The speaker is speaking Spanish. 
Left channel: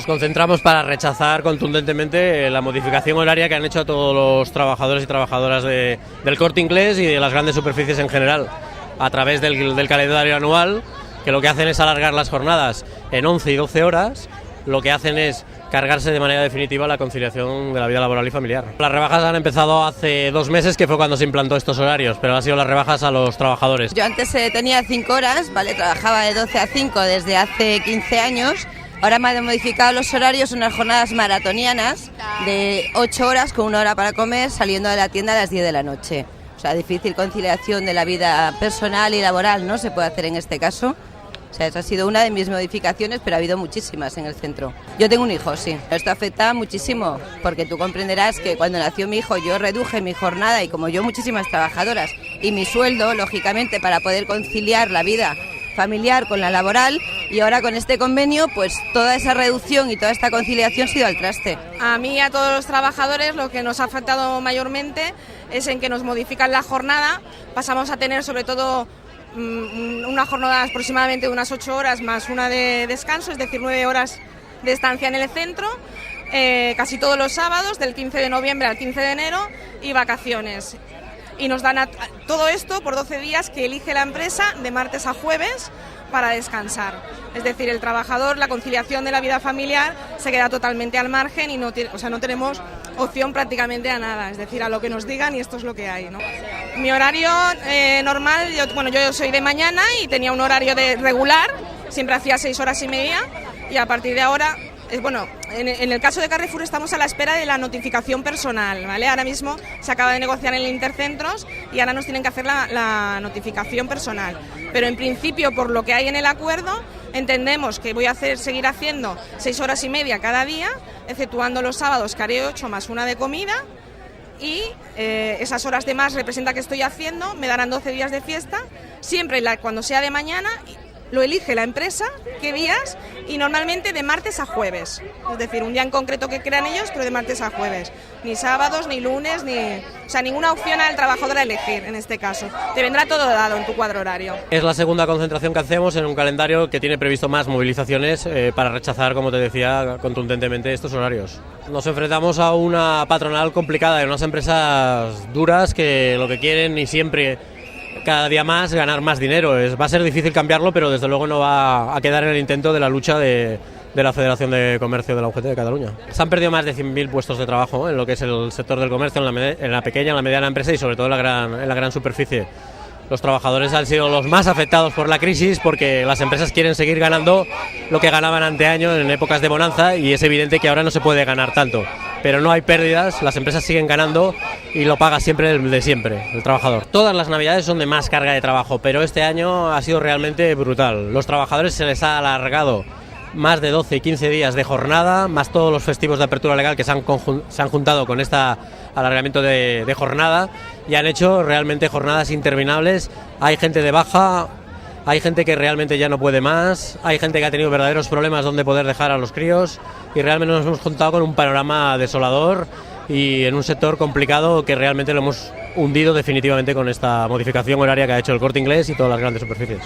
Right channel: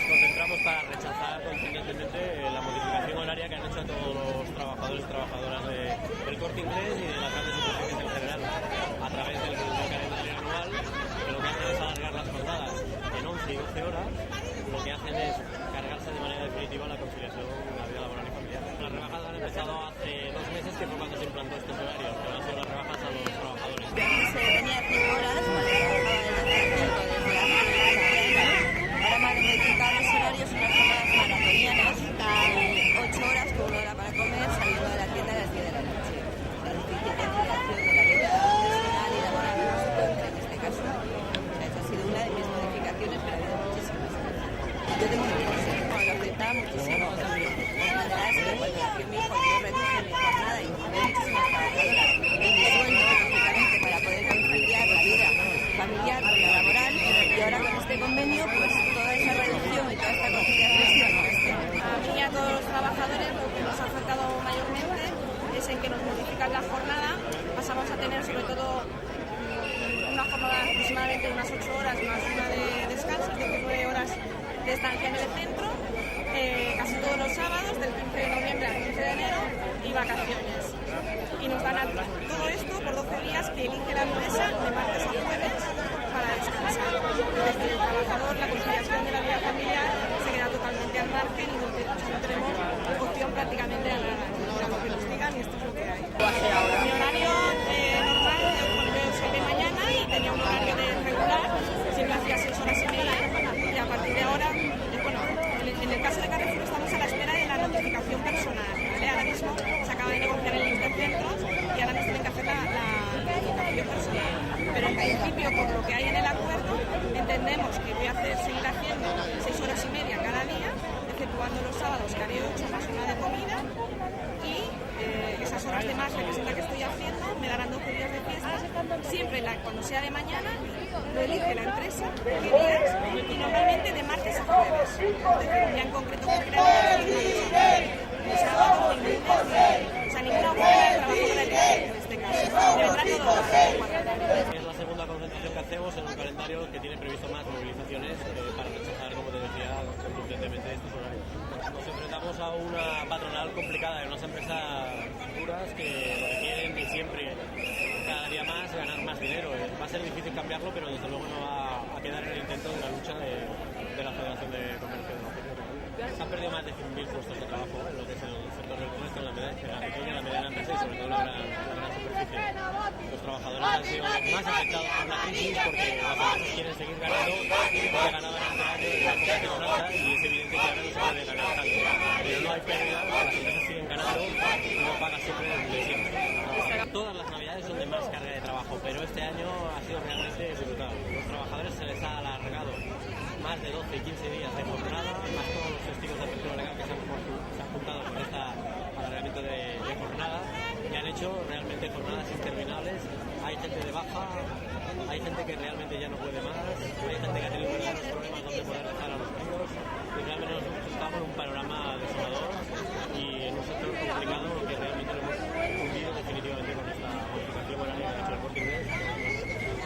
nos concentramos para rechazar contundentemente la modificación horaria que han hecho a todos los trabajadores y trabajadoras del Corte Inglés y de las grandes superficies en general, a través del calendario anual, que lo que hacen es alargar las jornadas en 11 y 12 horas, lo que hacen es cargarse de manera definitiva la conciliación de la vida laboral y familiar. Las rebajas han empezado hace 2 meses, que fue cuando se implantó estos horarios, pero han sido las rebajas a los trabajadores. Yo antes tenía 5 horas, ¿vale? Trabajaba de 12 a 5 desde hace 15 años. Ahora me han modificado los horarios, unas jornadas maratonianas de 8 horas con 1 hora para comer, saliendo de la tienda a las 10 de la noche. O sea, difícil conciliación de la vida personal y laboral no se puede hacer en este caso. O sea, esa ha sido una de mis modificaciones, pero ha habido muchísimas en el centro. Yo tengo un hijo, sí. Esto afecta muchísimo, porque tú comprenderás que cuando nació mi hijo yo reduje mi jornada y como yo muchísimas trabajadoras y mi sueldo, lógicamente, para poder conciliar la vida familiar con la laboral, y ahora con este convenio pues toda esa reducción y toda esta conciliación ha sido al traste. A mí y a todos los trabajadores lo que nos ha afectado mayormente es en que nos modifican la jornada. Pasamos a tener sobre todo una jornada aproximadamente de unas 8 horas más una de descanso, es decir, 9 horas de estancia en el centro, casi todos los sábados, del 15 de noviembre al 15 de enero, y vacaciones. Y nos dan todo esto por 12 días que elige la empresa de martes a jueves para descansar. Es decir, el trabajador, la conciliación de la vida familiar se queda totalmente al margen y no tenemos opción prácticamente a nada, es decir, a lo que nos digan y esto es lo que hay, ¿no? Mi horario normal, yo soy de mañana y tenía un horario regular, siempre hacía 6 horas y media, y a partir de ahora, en el caso de Carrefour estamos a la espera de la notificación personal, ¿vale? Ahora mismo se acaba de negociar en el Intercentros y ahora nos tienen que hacer la notificación personal. Pero en principio, por lo que hay en el acuerdo, entendemos que voy a seguir haciendo 6 horas y media cada día, exceptuando los sábados, que haré 8 más una de comida, y esas horas de más representa que estoy haciendo, me darán 12 días de fiesta, siempre cuando sea de mañana. Lo elige la empresa, qué días, y normalmente de martes a jueves. Es decir, un día en concreto que crean ellos, pero de martes a jueves. Ni sábados, ni lunes, ninguna opción al trabajador a elegir en este caso. Te vendrá todo dado en tu cuadro horario. Es la segunda concentración que hacemos en un calendario que tiene previsto más movilizaciones para rechazar, como te decía, contundentemente estos horarios. Nos enfrentamos a una patronal complicada, en unas empresas duras que lo que quieren y siempre, cada día más, ganar más dinero. Va a ser difícil cambiarlo, pero desde luego no va a quedar en el intento de la lucha de la Federación de Comercio de la UGT de Cataluña. Se han perdido más de 100.000 puestos de trabajo en lo que es el sector del comercio, en la pequeña, en la mediana empresa y sobre todo en la gran superficie. Los trabajadores han sido los más afectados por la crisis porque las empresas quieren seguir ganando lo que ganaban anteaño en épocas de bonanza, y es evidente que ahora no se puede ganar tanto. Pero no hay pérdidas, las empresas siguen ganando y lo paga siempre el de siempre, el trabajador. Todas las navidades son de más carga de trabajo, pero este año ha sido realmente brutal. Los trabajadores se les ha alargado más de 12 y 15 días de jornada, más todos los festivos de apertura legal que se han juntado con este alargamiento de jornada, y han hecho realmente jornadas interminables. Hay gente de baja, hay gente que realmente ya no puede más, hay gente que ha tenido verdaderos problemas donde poder dejar a los críos, y realmente nos hemos juntado con un panorama desolador y en un sector complicado que realmente lo hemos hundido definitivamente con esta modificación horaria que ha hecho el Corte Inglés y todas las grandes superficies.